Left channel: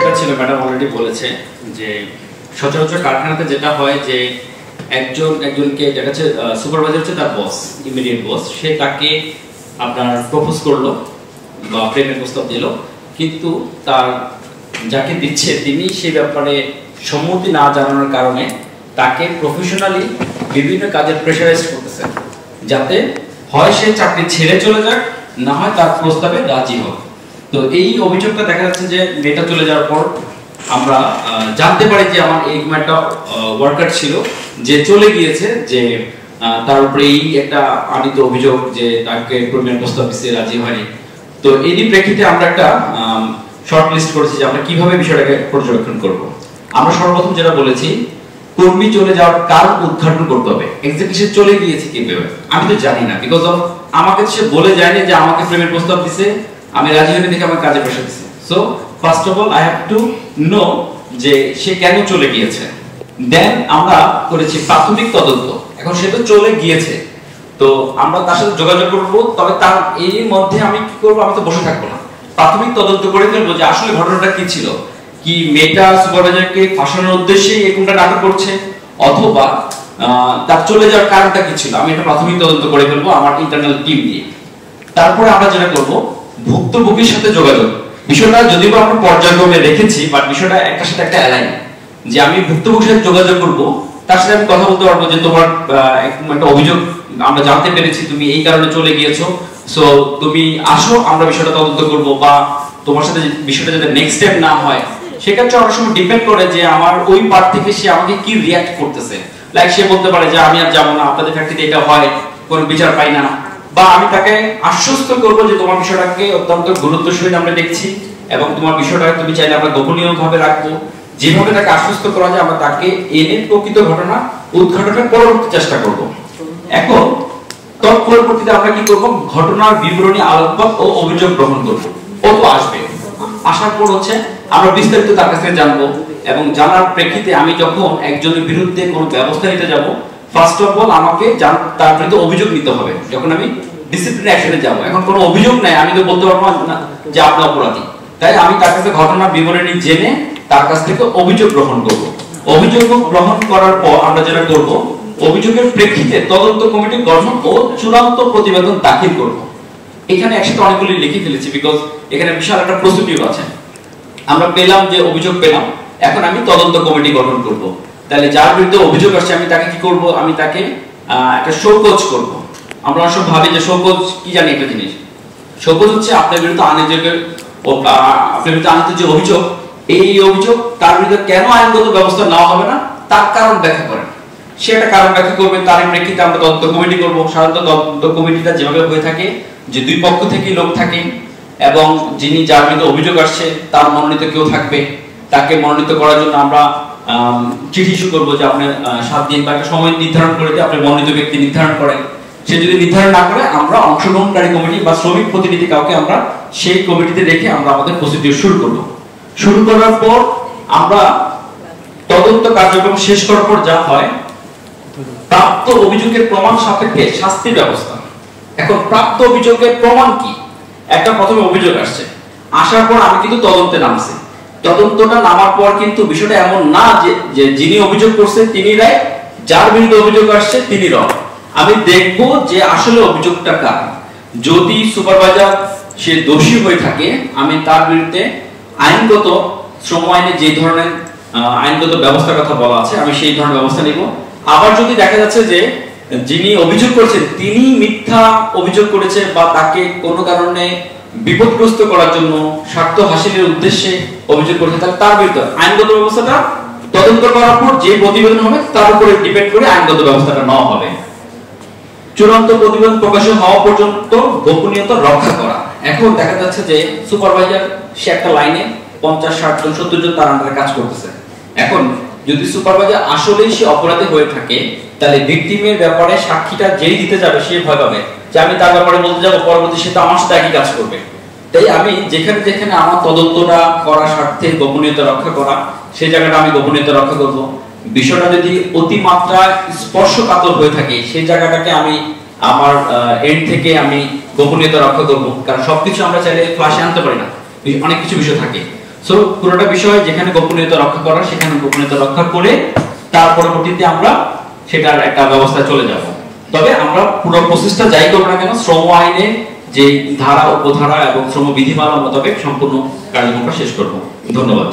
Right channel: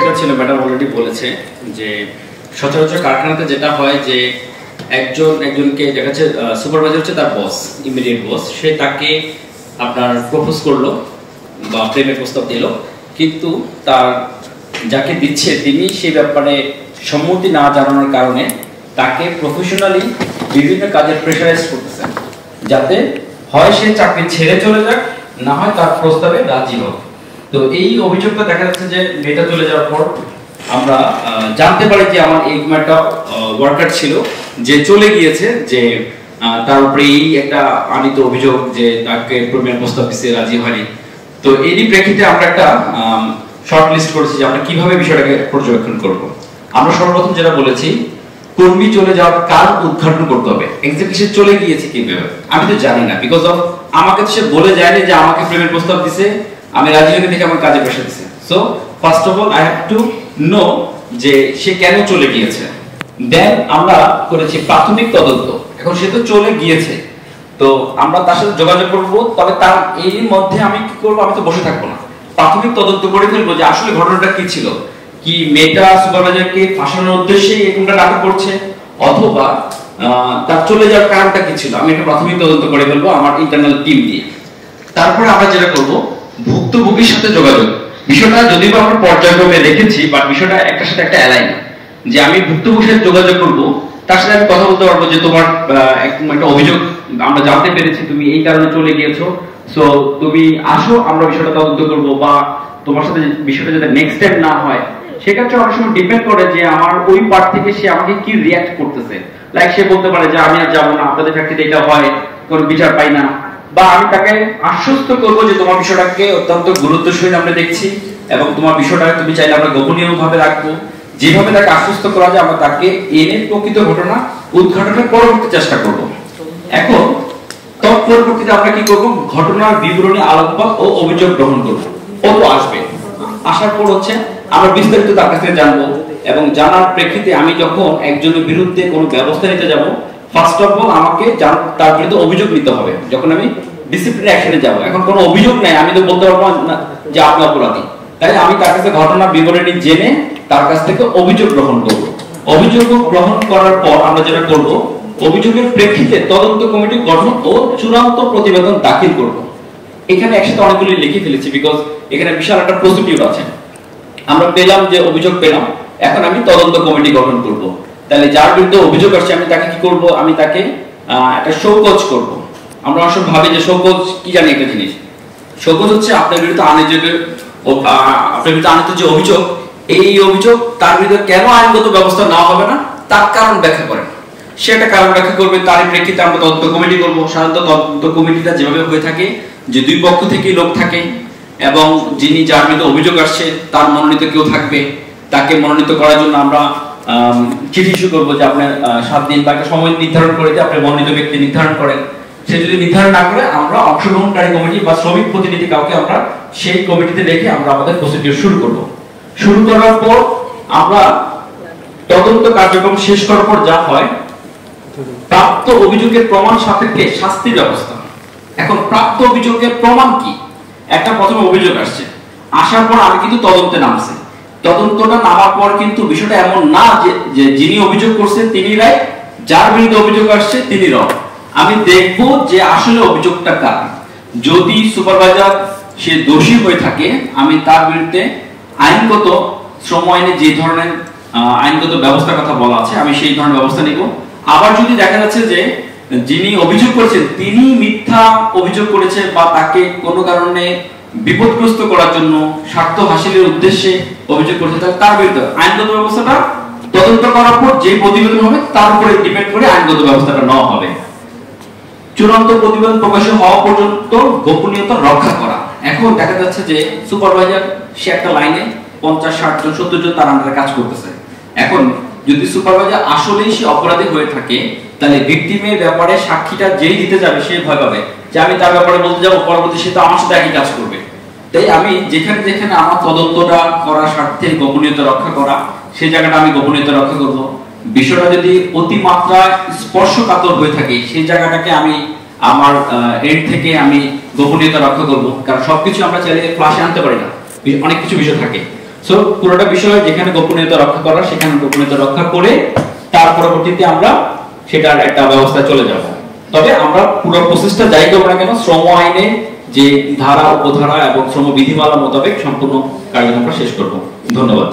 যেটা ছিল madam already বলেছে যে সচরাচর কারখানাতে যেটা হয় যে একজনকে দেখা যাচ্ছে সুপারভাইজার হচ্ছে তার বস, ইমিডিয়েট বস, সে তাকে আপনার প্রপোজ করলো বা প্রেমের প্রস্তাব দিল, কিন্তু তার যাকে দিচ্ছে তিনি সেই ব্যাপারে সম্মতি না জানানোর কারণে তাকে প্রফেশনালি বিভিন্ন কাজের প্রেশারাইজ করতেছে, যাতে হয় সে চাকরি ছেড়ে চলে যাক, না হয় তার প্রস্তাবে রাজি হোক। তো এই অভিযোগটা দেখা যাচ্ছে যে মেয়েটা চলে যাওয়ার পর আমরা জানতে পারি যে আমার এই একটা ওয়ার্কার ছিল যে চলে গিয়েছে, যে তার উপরে এই একটা আনিত অভিযোগ যে তাকে প্রেমের প্রস্তাব দিতে রাজি হয়নি। তো এরই প্রেক্ষিতে আমরা একটা শর্ট লিস্ট করেছি যে আমরা কিভাবে বিষয়টাকে পর্যবেক্ষণ করব। আমরা সর্বপ্রথম যেটা বলেছি, কর্মী চলে যাওয়ার কারণ উদ্ঘাটন করতে হবে। এক্স্যাক্টলি সে চলে গিয়েছে কিভাবে আমি তো জানি না, বিকজ অফ আমাকে সে বলে যায়নি যে আমাকে প্রেমের প্রস্তাব দিছে, আমি রাজি হইনি দেখে আমাকে কাজে প্রেশার দিছে। So first of all I have to know যে সে কেন চলে গিয়েছে। দেন আমরা করেছি প্রাথমিক তদন্ত। এখন সে তো চলে গিয়েছে, তো আমরা তার সাথে যোগাযোগ করব, তবে তার এই মধ্যে আমি কি করব, আমি তো বসে থাকবো না, প্রাথমিক তদন্ত করে ফেলবো যে আসলে ঘটনাটা কি ছিল। কি মেয়েটা সুপারভাইজারকে ফাঁসানোর উদ্দেশ্যে এরকমটা নাটক করছে, অথবা তার চলে যাওয়ার কারণটা কি ছিল, আমি এটা প্রাথমিক তদন্ত করে ফেলবো আমার ইন্টারনাল টিম দিয়ে। তারপরে আমরা যেটা করব, ভুক্তভোগীর সাথে যোগাযোগ। বিষয়টা যদিও আমরা পর্যায়ক্রমে রেখেছি, বাট বিষয়টা একটার সাথে একটা অ্যালাইন, যে আমি ভুক্তভোগীর সাথে যোগাযোগ করব, তার সাথে আমি কথা বলতে পারবো যে তোমার একটা অভিযোগ আমরা জানতে পেরেছি, তুমি এই কারণে চলে গিয়েছো, সো তুমি আসো, আমরা বিষয়টা তদন্ত করব, বা তোমার সাথে বিষয়টা যাতে নেক্সট স্টেপ না হয় সেক্ষেত্রে অনেক সময় ডিপেন্ড করে যে আমার ওই পার্ট থেকে সে আমাকে কি রিয়াক্ট করতেছে। লাইক সে বলতে পারে যে আমি আর যাবো না, আপনাদের ফ্যাক্টরিতে এটা হয়, কোনো বিচার পাই না, বা আমি তাকে আশ্বস্ত করবো যে তোমার বিষয়টাকে অত্যন্ত গুরুত্বের সহিত আমরা দেখছি এবং তোমার বিষয়টাকে তুমি চাইলে আমরা গোপনীয় ভাবে রাখবো। যেভাবে তাকে আশ্বস্ত করা যায় আমরা তাকে এনে প্রকৃত ঘটনা উদ্ঘাটনের পরবর্তী চেষ্টা করব। এখন তৎপরবর্তীতে আমরা কি করব, ঘটনার বিবরণী আলোকপাত ও অভিযোগ গ্রহণ করব। কত আসবে, আসার পর হচ্ছে আমরা বিস্তারিত তার কাছ থেকে জানবো, এবং জানার প্রেক্ষিতে আমি যখন একজনের বিরুদ্ধে কোনো ব্যবস্থা নিতে যাব, ফার্স্ট অফ অল আমাকে তার বিরুদ্ধে অভিযোগ নিতে হবে। যখন আমি ডিসিপ্লিনারি অ্যাকশনে যাব, এখন কোনো অভিযোগ নাই, আমি তো বলতে পারবো না যে আপনি অপরাধী, তাই আমি তার কাছে ঘটনার বিবরণী জেনে তার কাছ থেকে অভিযোগ গ্রহণ করব। অভিযোগ গ্রহণ করার পর আমরা যেটা করব, অভিযোগের প্রেক্ষিতে তদন্ত কমিটি গঠন ও চূড়ান্ত প্রতিবেদন দাখিল করব। এখানে একসাথে অনেকগুলি লিখে ফেলেছি, বিকজ এখানে বিশাল একটা প্রসিডিউর আছে। আমরা পেলাম যে অভিযোগ পেলাম, এখন আমি তদন্ত কমিটি গঠন করব। তাহলে যার বিরুদ্ধে অভিযোগ আসছে আমি তাকে কি করব, আমি তাকে একটা শোকজ করব। আমরা অবশ্য ভাবি যে শোকজ কি, জানি একটা জিনিস, শোকজ হচ্ছে আপনার বিরুদ্ধে আনিত যে অভিযোগ, এই অভিযোগ তার বিরুদ্ধে কেন আইনগত ব্যবস্থা নেওয়া হবে না তার কারণ ব্যাখ্যা করেন। সে একটা কারণ ব্যাখ্যা করবে, তার প্রেক্ষিতে আমরা তদন্ত কমিটি করব। সাধারণত তদন্ত কমিটিটা যেভাবে হয়ে থাকে যে দুই পক্ষ থেকেই লোক থাকে, এবং যিনি যার বিরুদ্ধে অভিযোগ আসছে তার মনোনীত কেউ থাকবে। তাকে মনোনীত করার জন্য আমরা চিঠি ইস্যু করবো যে আপনার 7 দিন বা একটা সময় নির্ধারণ করে দিয়ে আপনার মনোনীত ব্যক্তি নির্ধারণ করেন। সে যদি নির্ধারণ না করে আমরা অংশগ্রহণকারী কমিটি বা শ্রমিক প্রতিনিধি কাউকে আমরা সেই কমিটিতে রেখে আমরা আমাদের প্রসিডিউর শুরু করব। শুরু করার পর আমরা তদন্ত কার্যক্রম শেষ করার পর যা হয়, প্রাপ্ত অভিযোগের প্রমাণ সাপেক্ষে শাস্তির ব্যবস্থা। এখন প্রাপ্ত অভিযোগের প্রমাণ কি, একটা প্রথমে অভিযোগ আসছে, আসার পর আমি কিন্তু তদন্তে নামছি। তদন্তটা নামার পর কিন্তু বিষয়টা এমন না যে যিনি অভিযোগ করছেন তিনি রাইট, যার বিরুদ্ধে অভিযোগ আসছে তিনি রং। আমি দেখবো যে আসলে অভিযোগটা কার। যদি সুপারভাইজার সে দোষী হয়ে থাকে, আমি তার বিরুদ্ধে আইনগত, শ্রম আইনে যে ধরনের আইনগত ব্যবস্থার কথা বলা আছে আমি সেই ধরনের ব্যবস্থা নিব। আবার যদি দেখা যাচ্ছে যে যিনি অভিযোগ করেছেন তিনি মিথ্যা অভিযোগ করেছেন বা তাকে কোনো কারণে বিপদগ্রস্ত করার জন্য স্বার্থ হাসিলের উদ্দেশ্যে অভিযোগ করেছেন, তাহলে তার বিরুদ্ধে আইনগত ব্যবস্থাটা তদন্ত করার পর যে প্রতিবেদন হবে তার উপরে ডিপেন্ড করে আইনগত ব্যবস্থাটা নেওয়া হবে। চূড়ান্ত প্রতিবেদন প্রকাশিত হওয়া পর্যন্ত গোপনীয়তা রক্ষা করা। এখন দেখা যাচ্ছে যে সুপারভাইজার সে একটা লাইনে 50, 60 জন, 70 জন তার আন্ডারে কাজ করতেছে। এখন যদি সুপারভাইজার আসলেই সে অপরাধী হয়ে থাকে, তাহলে ভিকটিমের ব্যাপারে সাক্ষীটা যেই দিতে যাবে সে ভয় পাবে যে আমি তার ব্যাপারে বলতে যাবো, পরবর্তী সে তো আমার সাথে একই কাজ করবে। তাই আমি যেখানে যেখানে আমার তদন্তটা করার স্বার্থে গোপনীয়তা রক্ষা করা, সেই জায়গাটা আমি গোপনীয়তা রক্ষা করব। বিষয়টা যদি অতিমাত্রায় স্পর্শকাতর হয়ে থাকে সেই জায়গাটাকে আমি আমার এন্ড থেকে আমি গোপনীয়তা রক্ষা করব। কারণ সবকিছু আমরা চাইলে ফ্লাশে আনতে পারি না, অনেক কিছু বিষয় থাকে। সো পুরোটা বিষয় যেখানে গোপনীয়তা রক্ষা করা সেখানে গোপনীয়তা রক্ষা করে তার পরবর্তীতে আমরা সেটার একটা ব্যবস্থা চলে যাব। তবে আমরা পুরো প্রসেসটা যাই করব না কেন শ্রম আইনে যে ধারা উপধারা এবং শ্রম বিধিমালা মোতাবেক সম্পূর্ণ কার্যক্রমটা শেষ করব। ধন্যবাদ।